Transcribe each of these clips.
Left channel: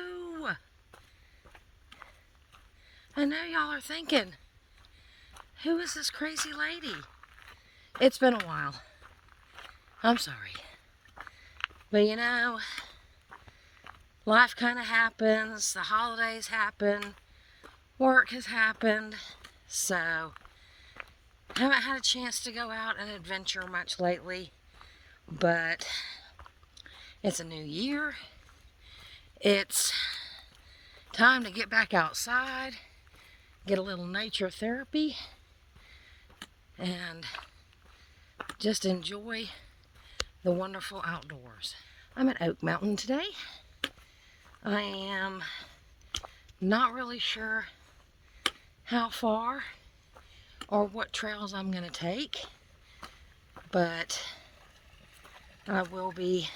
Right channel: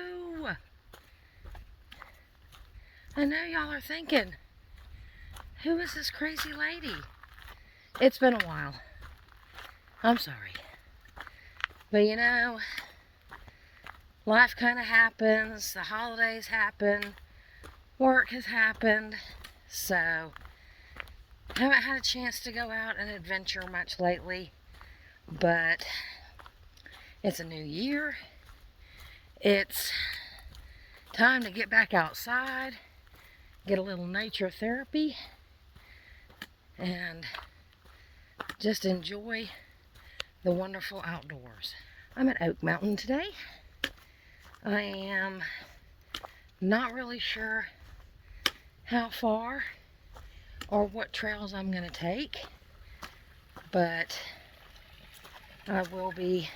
Hello. I know y'all are thinking, who is this crazy lady? It's been a while. I'm sorry. But you know, life kind of happens. The holidays happen. Work has happened. So, I haven't had a chance to go out and adventure much lately. But it's a new year. It's time to get back outside, get a little nature therapy, and just enjoy the wonderful outdoors. I'm at Oak Mountain today. I am not really sure how far or what trails I'm going to take, but I will be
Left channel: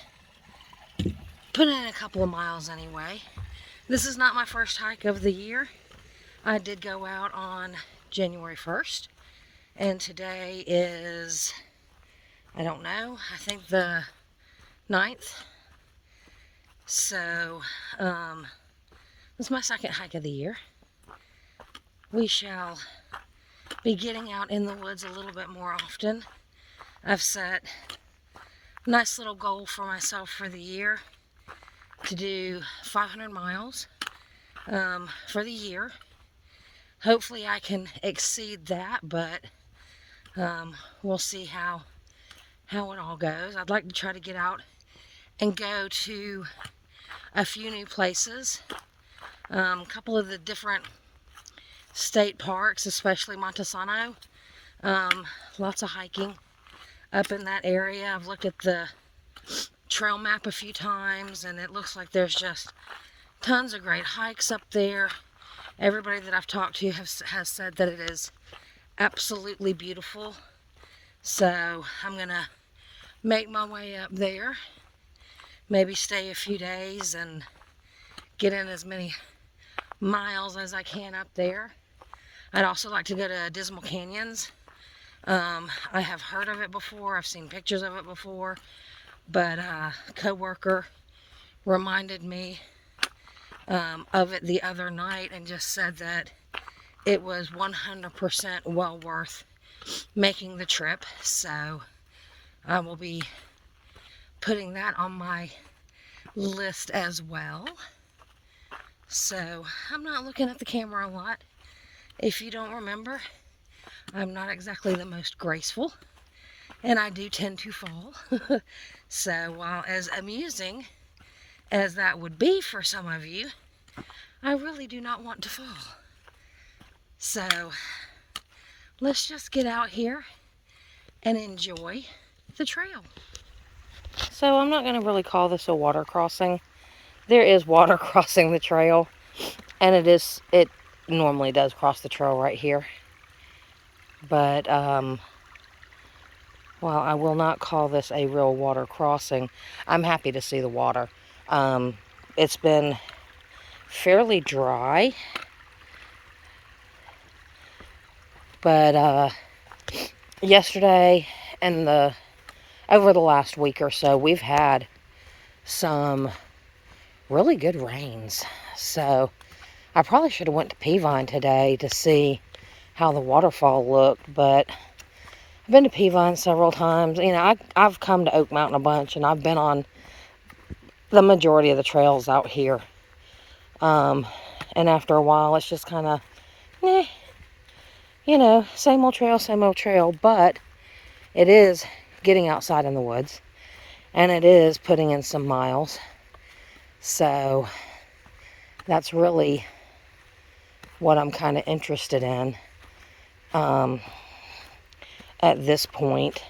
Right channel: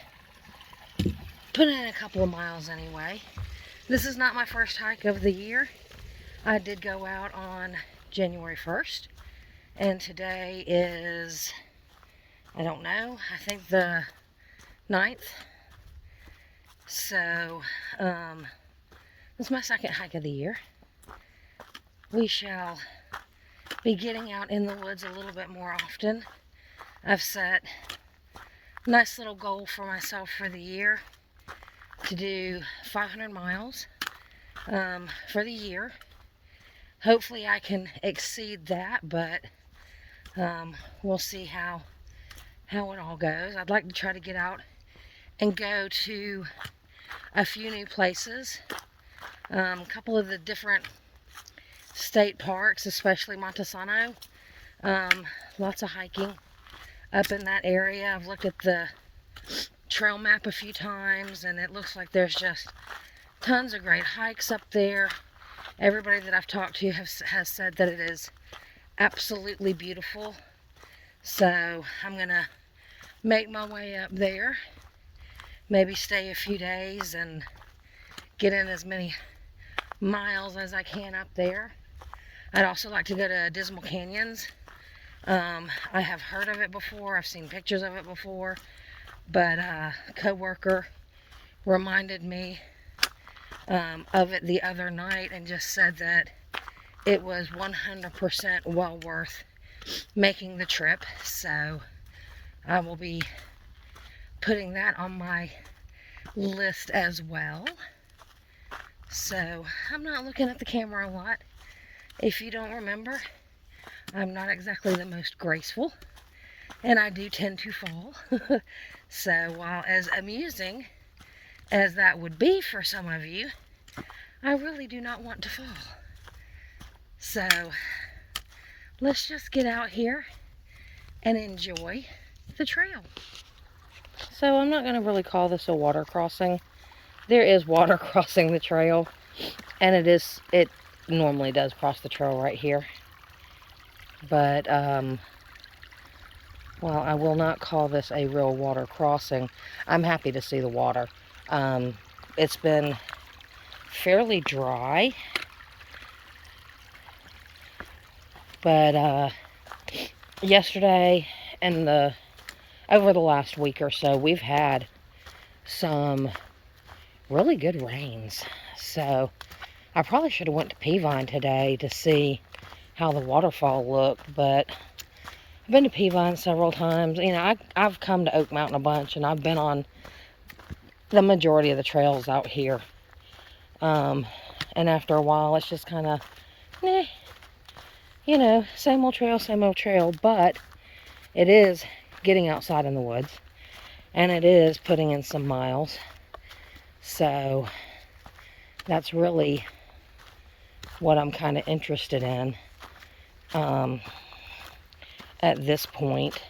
putting in a couple of miles anyway. This is not my first hike of the year. I did go out on January 1st, and today is, I don't know, I think the 9th. So, it's my second hike of the year. We shall be getting out in the woods a little bit more often. I've set a nice little goal for myself for the year to do 500 miles for the year. Hopefully I can exceed that, but we'll see how it all goes. I'd like to try to get out and go to a few new places. A couple of the different state parks, especially Montesano. Lots of hiking up in that area. I've looked at the trail map a few times, and it looks like there's just tons of great hikes up there. Everybody that I've talked to has said that it is absolutely beautiful. So I'm gonna make my way up there, maybe stay a few days and get in as many miles as I can up there. I'd also like to go to Dismal Canyons. I have heard of it before. I've seen pictures of it before, but a co-worker reminded me of it the other night and just said that it was 100% well worth making the trip. So I will be putting that on my list as well. So I'm not looking at the camera a lot. If you don't remember, I'm not exactly the most graceful, and I do tend to fall. So while as amusing as that would be for some of you, I really do not want to fall. So let's just get out here and enjoy the trail. So I'm not going to really call this a water crossing. There is water crossing the trail, and it normally does cross the trail right here. But while I will not call this a real water crossing, I'm happy to see the water. It's been fairly dry, but yesterday and over the last week or so, we've had some really good rains. So I probably should have went to Peavine today to see how the waterfall looked, but I've been to Peavine several times. You know, I've come to Oak Mountain a bunch, and I've been on the majority of the trails out here. And after a while, it's just kind of, you know, same old trail, but it is getting outside in the woods, and it is putting in some miles. So that's really what I'm kind of interested in at this point.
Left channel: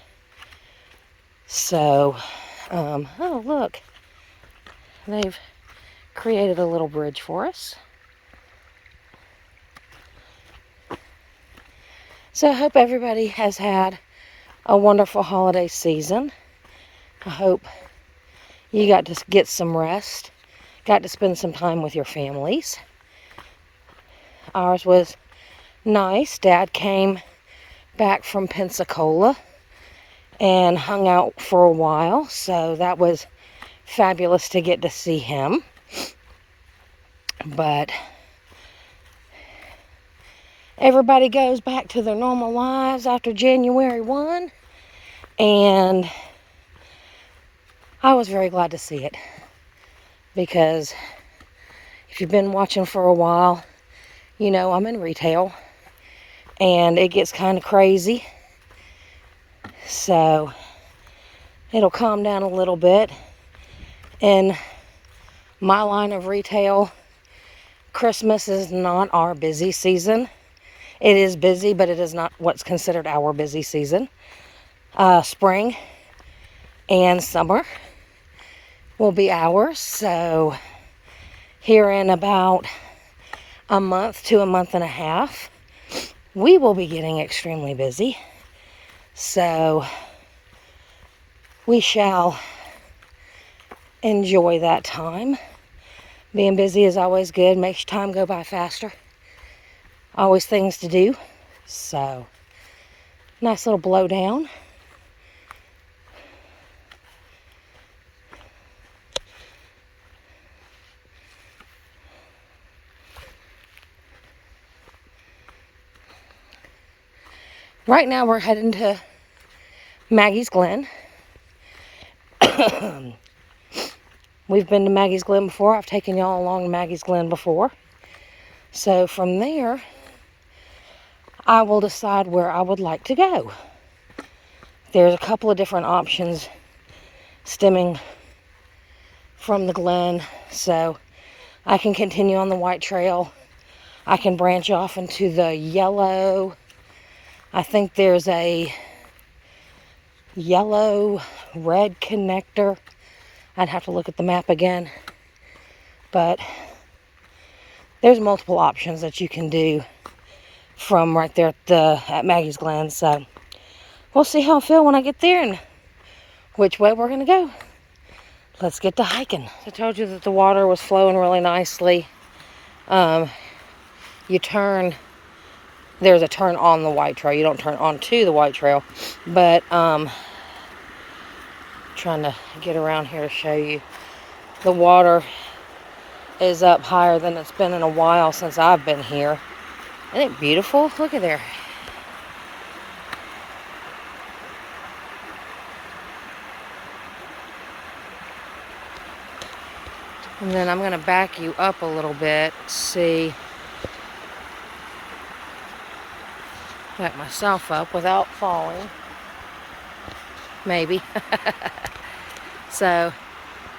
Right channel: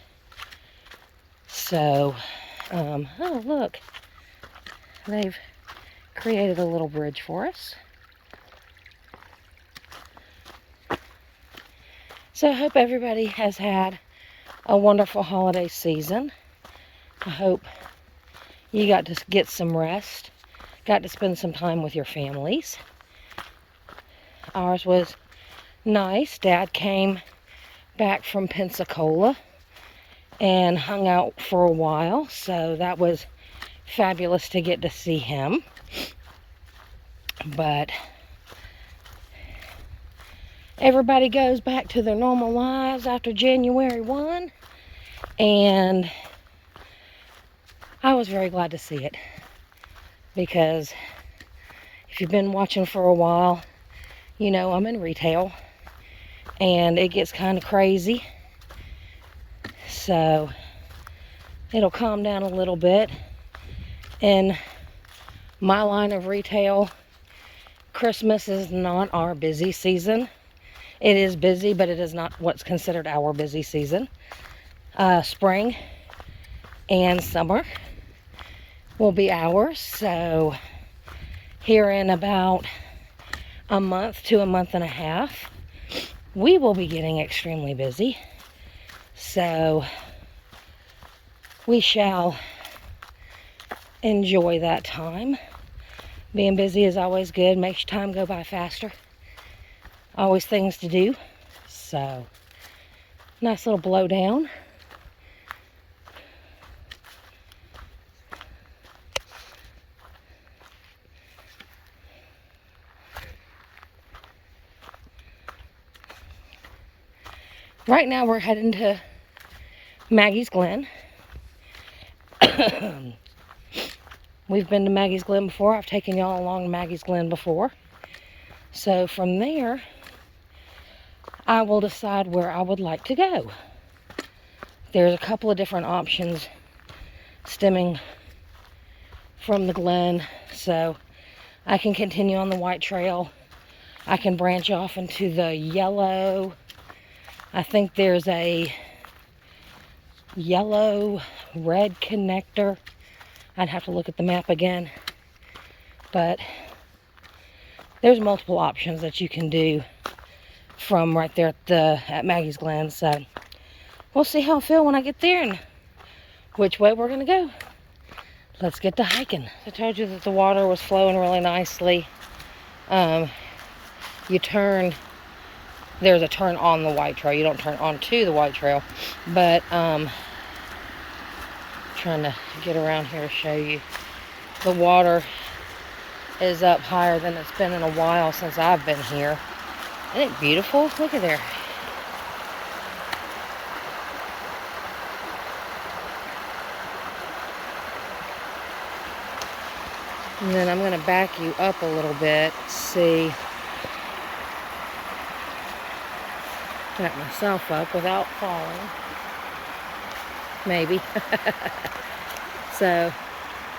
So, oh look, they've created a little bridge for us. So I hope everybody has had a wonderful holiday season. I hope you got to get some rest, got to spend some time with your families. Ours was nice. Dad came back from Pensacola and hung out for a while, so that was fabulous to get to see him. But everybody goes back to their normal lives after January 1, and I was very glad to see it, because if you've been watching for a while, you know I'm in retail, and it gets kind of crazy. So it'll calm down a little bit. In my line of retail, Christmas is not our busy season. It is busy, but it is not what's considered our busy season. Spring and summer will be ours. So here in about a month to a month and a half, we will be getting extremely busy. So we shall enjoy that time. Being busy is always good, makes time go by faster. Always things to do. So, nice little blow down. Right now we're heading to Maggie's Glen. We've been to Maggie's Glen before. I've taken y'all along to Maggie's Glen before. So from there, I will decide where I would like to go. There's a couple of different options stemming from the Glen. So I can continue on the White Trail. I can branch off into the yellow. I think there's a yellow-red connector. I'd have to look at the map again. But there's multiple options that you can do from right there at Maggie's Glen. So we'll see how I feel when I get there and which way we're going to go. Let's get to hiking. I told you that the water was flowing really nicely. You turn, there's a turn on the White Trail. You don't turn onto the White Trail. But trying to get around here to show you. The water is up higher than it's been in a while since I've been here. Isn't it beautiful? Look at there. And then I'm going to back you up a little bit. See. Back myself up without falling. Maybe. So,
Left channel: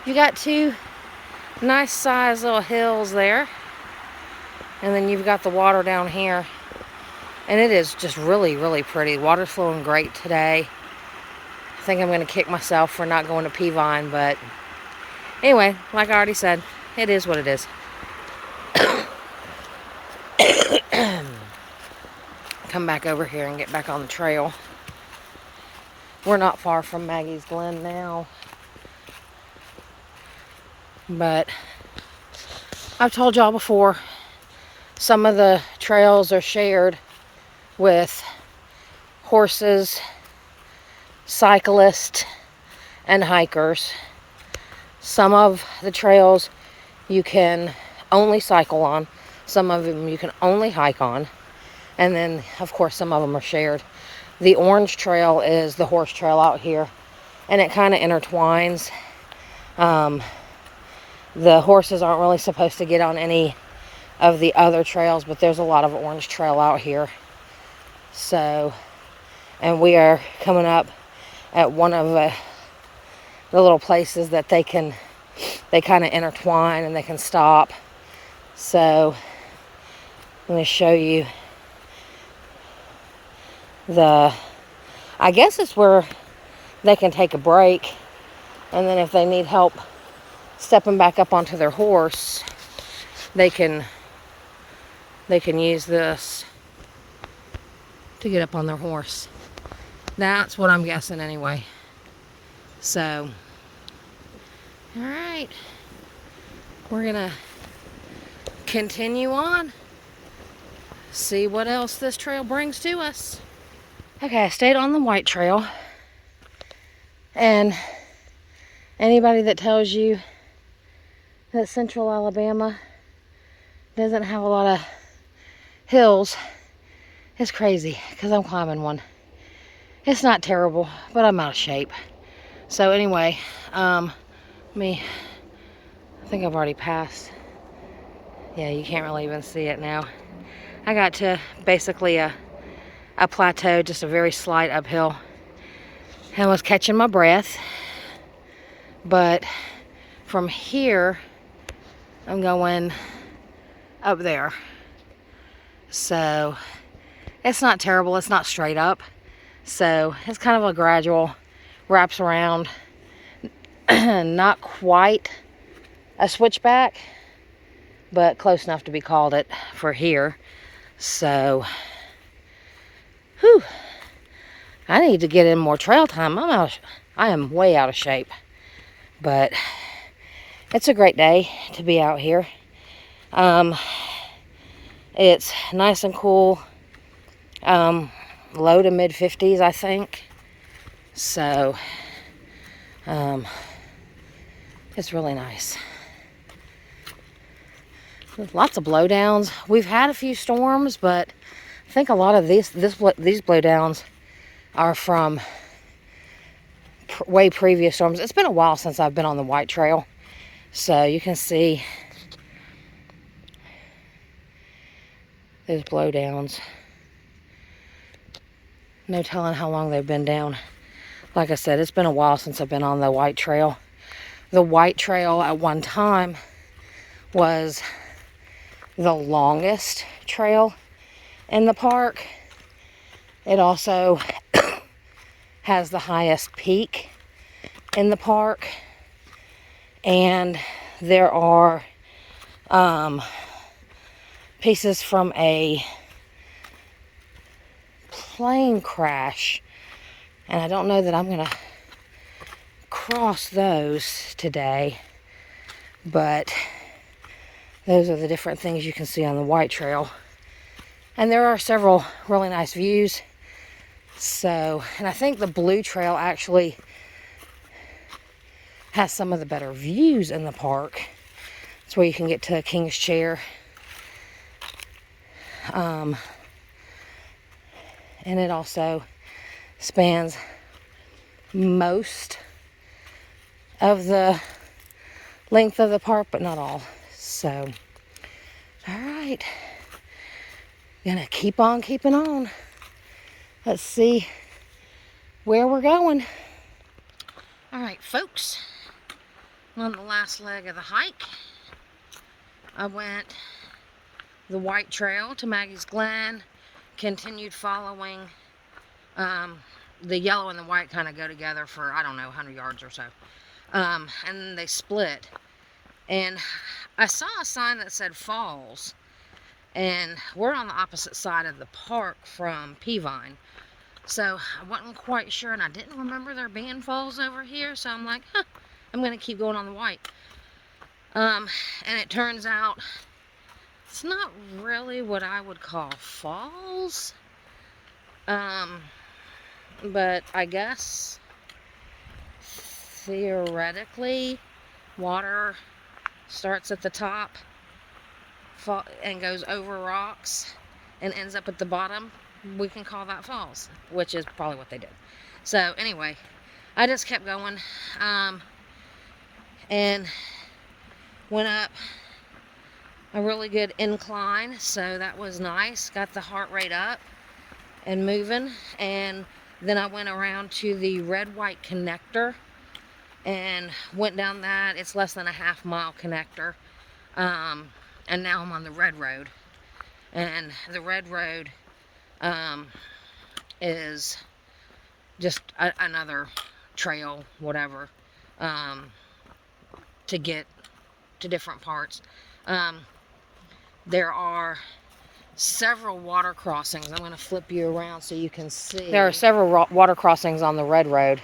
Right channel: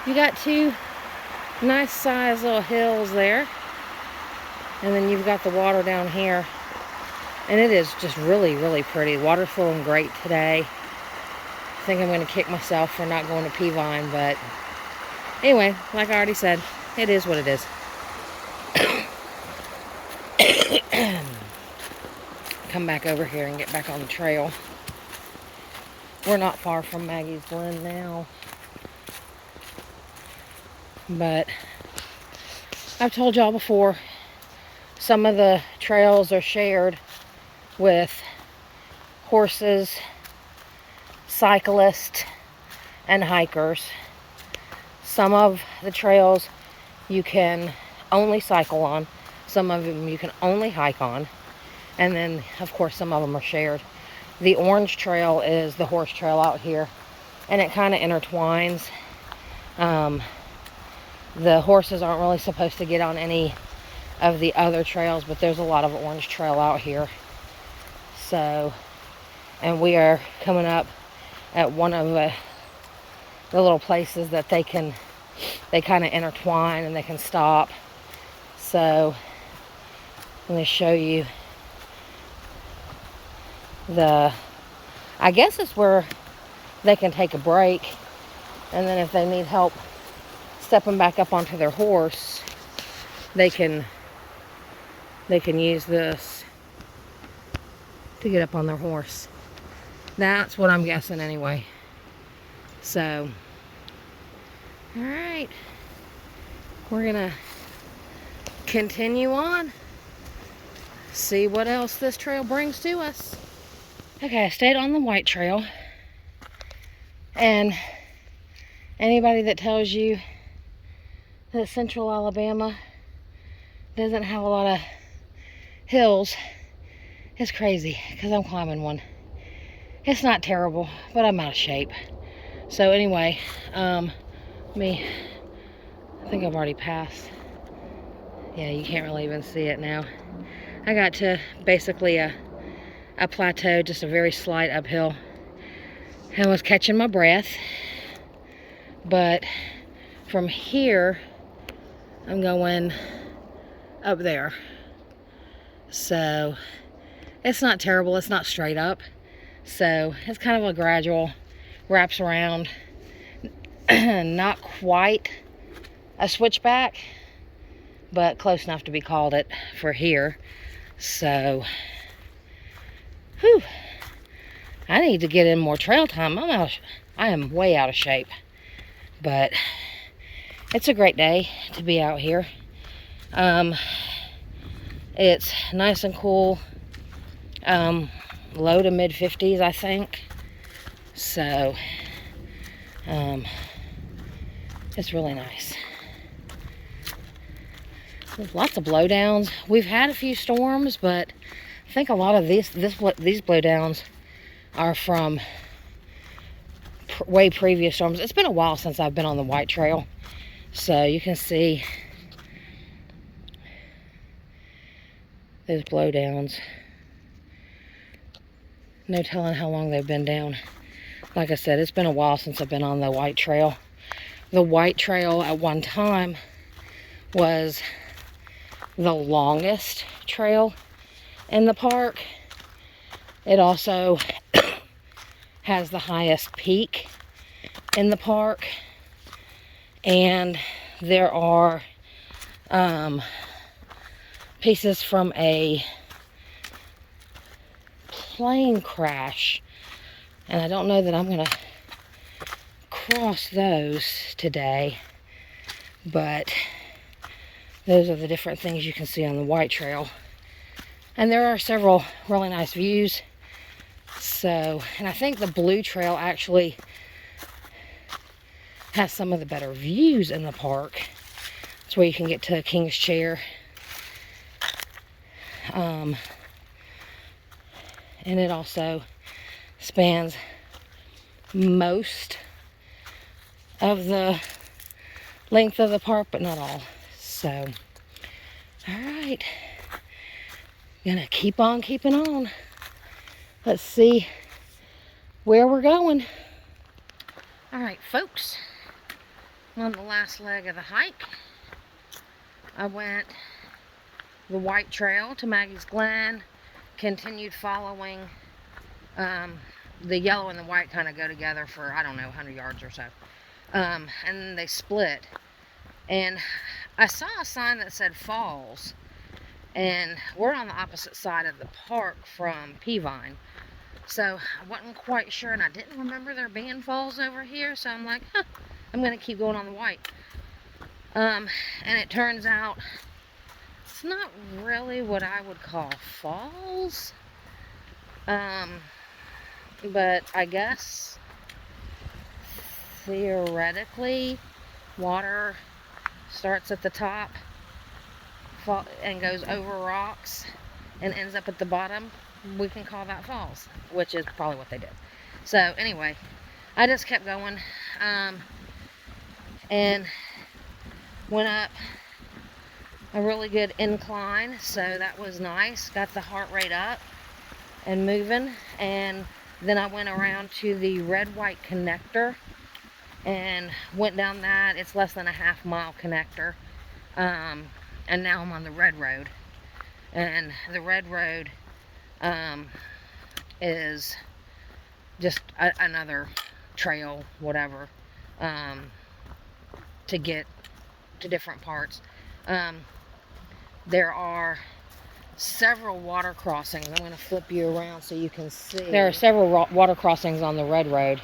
you got two nice sized little hills there. And then you've got the water down here. And it is just really, really pretty. Water's flowing great today. I think I'm going to kick myself for not going to Peavine, but anyway, like I already said, it is what it is. Come back over here and get back on the trail. We're not far from Maggie's Glen now. But I've told y'all before, some of the trails are shared with horses, cyclists, and hikers. Some of the trails you can only cycle on. Some of them you can only hike on. And then, of course, some of them are shared. The Orange Trail is the horse trail out here. And it kind of intertwines. The horses aren't really supposed to get on any of the other trails, but there's a lot of Orange Trail out here. So, and we are coming up at one of the little places that they kind of intertwine and they can stop. So, I'm going to show you I guess it's where they can take a break, and then if they need help stepping back up onto their horse, they can use this to get up on their horse. That's what I'm guessing anyway. So, all right, we're gonna continue on, see what else this trail brings to us. Okay, I stayed on the White Trail, and anybody that tells you that Central Alabama doesn't have a lot of hills. It's crazy because I'm climbing one. It's not terrible, but I'm out of shape. So anyway, I think I've already passed. Yeah, you can't really even see it now. I got to basically a plateau, just a very slight uphill, and was catching my breath. But from here, I'm going up there. So it's not terrible. It's not straight up. So it's kind of a gradual, wraps around. Not quite a switchback, but close enough to be called it for here. So, whew, I need to get in more trail time. I am way out of shape, but it's a great day to be out here. It's nice and cool, low to mid 50s, I think. So, it's really nice. There's lots of blowdowns. We've had a few storms, but I think a lot of these blowdowns are from way previous storms. It's been a while since I've been on the White Trail, so you can see those blowdowns. No telling how long they've been down. Like I said, it's been a while since I've been on the White Trail. The White Trail at one time was the longest trail in the park. It also has the highest peak in the park, and there are pieces from a plane crash, and I don't know that I'm gonna cross those today, but those are the different things you can see on the White Trail. And there are several really nice views. So, and I think the Blue Trail actually has some of the better views in the park. It's where you can get to King's Chair. And it also spans most of the length of the park, but not all. So, all right, gonna keep on keeping on. Let's see where we're going. All right, folks, on the last leg of the hike, I went the White Trail to Maggie's Glen, continued following. The yellow and the white kind of go together for, I don't know, 100 yards or so. And then they split. And I saw a sign that said Falls, and we're on the opposite side of the park from Peavine, so I wasn't quite sure, and I didn't remember there being falls over here, so I'm like, I'm gonna keep going on the White. And it turns out it's not really what I would call falls, but I guess theoretically water starts at the top and goes over rocks and ends up at the bottom. We can call that falls, which is probably what they did. So anyway, I just kept going, and went up a really good incline, so that was nice. Got the heart rate up and moving, and then I went around to the red-white connector and went down that. It's less than a half-mile connector, and now I'm on the red road, and the red road is just another trail, whatever, to get to different parts. There are several water crossings. I'm going to flip you around so you can see. There are several water crossings on the red road.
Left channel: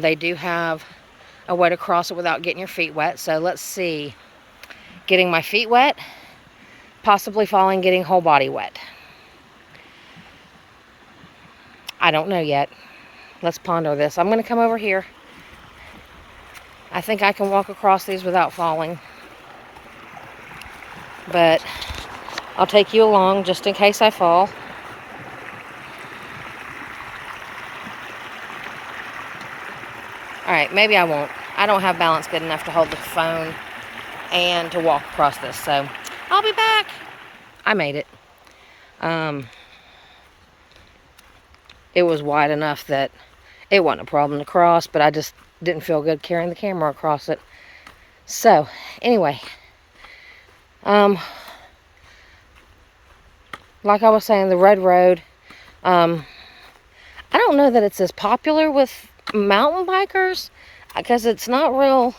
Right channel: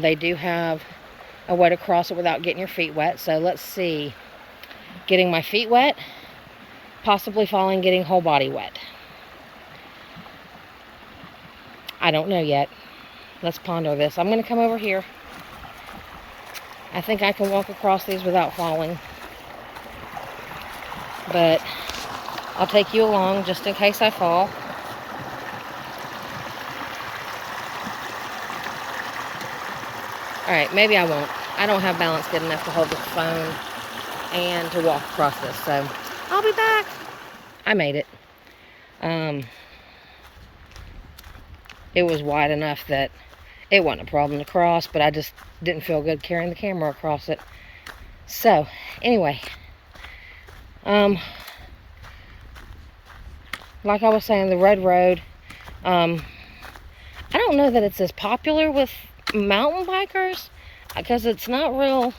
They do have a way to cross it without getting your feet wet. So let's see. Getting my feet wet, possibly falling, getting whole body wet. I don't know yet. Let's ponder this. I'm going to come over here. I think I can walk across these without falling. but I'll take you along just in case I fall. Alright, maybe I won't. I don't have balance good enough to hold the phone and to walk across this, so I'll be back. I made it. It was wide enough that it wasn't a problem to cross, but I just didn't feel good carrying the camera across it. So, anyway, like I was saying, the red road, I don't know that it's as popular with mountain bikers, because it's not real,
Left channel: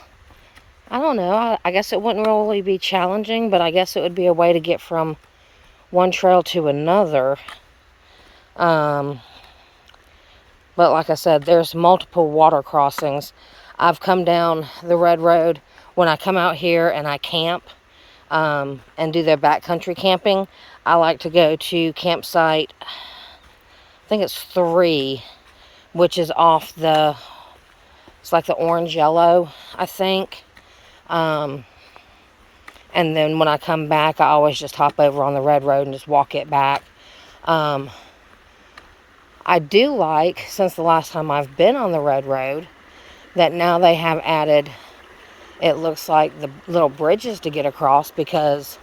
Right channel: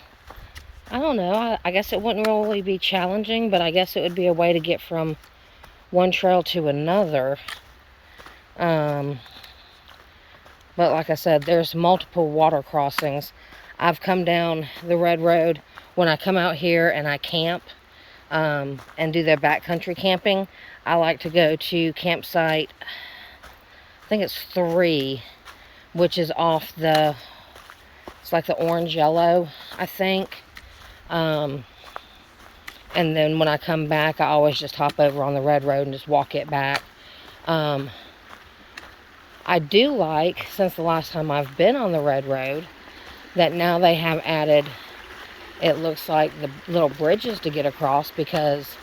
I don't know, I guess it wouldn't really be challenging, but I guess it would be a way to get from one trail to another. But like I said, there's multiple water crossings. I've come down the red road when I come out here and I camp and do their backcountry camping. I like to go to campsite, I think it's 3, which is off the, it's like the orange yellow, I think. And then when I come back, I always just hop over on the red road and just walk it back. I do like, since the last time I've been on the red road, that now they have added, it looks like, the little bridges to get across, because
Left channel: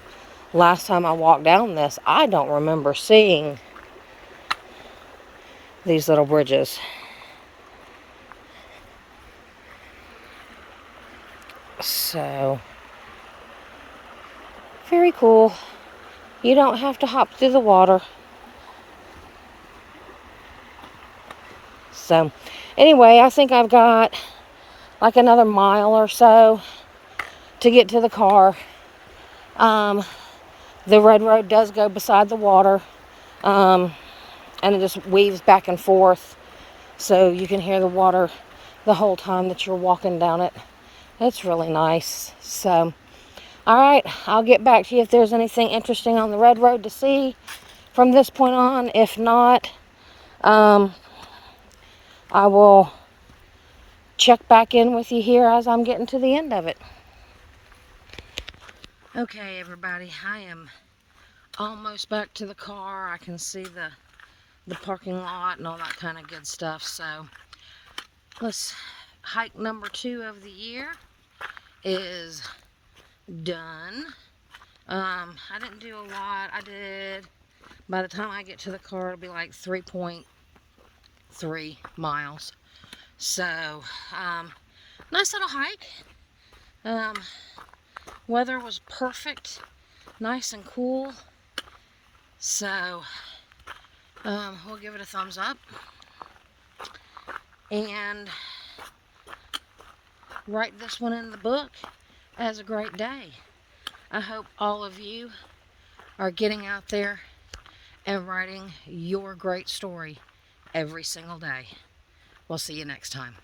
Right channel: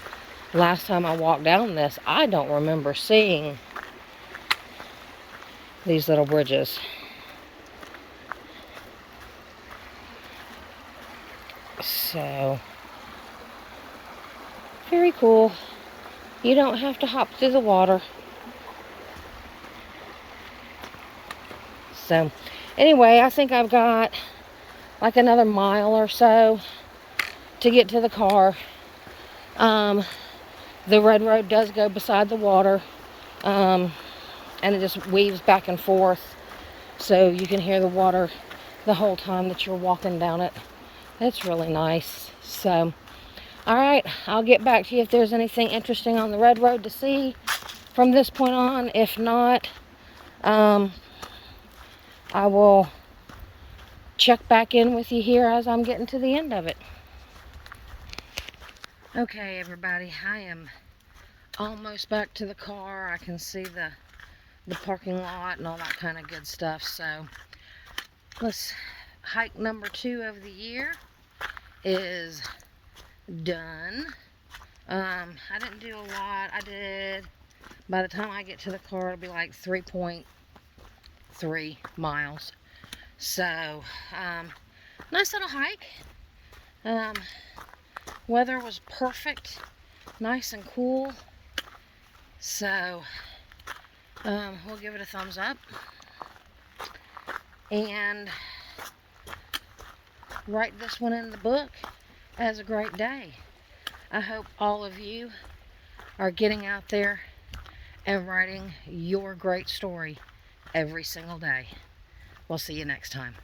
last time I walked down this, I don't remember seeing these little bridges. So, very cool. You don't have to hop through the water. So, anyway, I think I've got like another mile or so to get to the car. The red road does go beside the water, and it just weaves back and forth, so you can hear the water the whole time that you're walking down it. It's really nice. So, alright, I'll get back to you if there's anything interesting on the red road to see from this point on. If not, I will check back in with you here as I'm getting to the end of it. Okay, everybody, I am almost back to the car. I can see the parking lot and all that kind of good stuff. So, let's hike number 2 of the year is done. I didn't do a lot. I did, by the time I get to the car, it'll be like 3.3 miles. So, nice little hike. Weather was perfect, nice and cool. So, we'll give it a thumbs up. And write this one in the book as a great day. I hope all of you are getting out there and writing your great story every single day. We'll see you next time.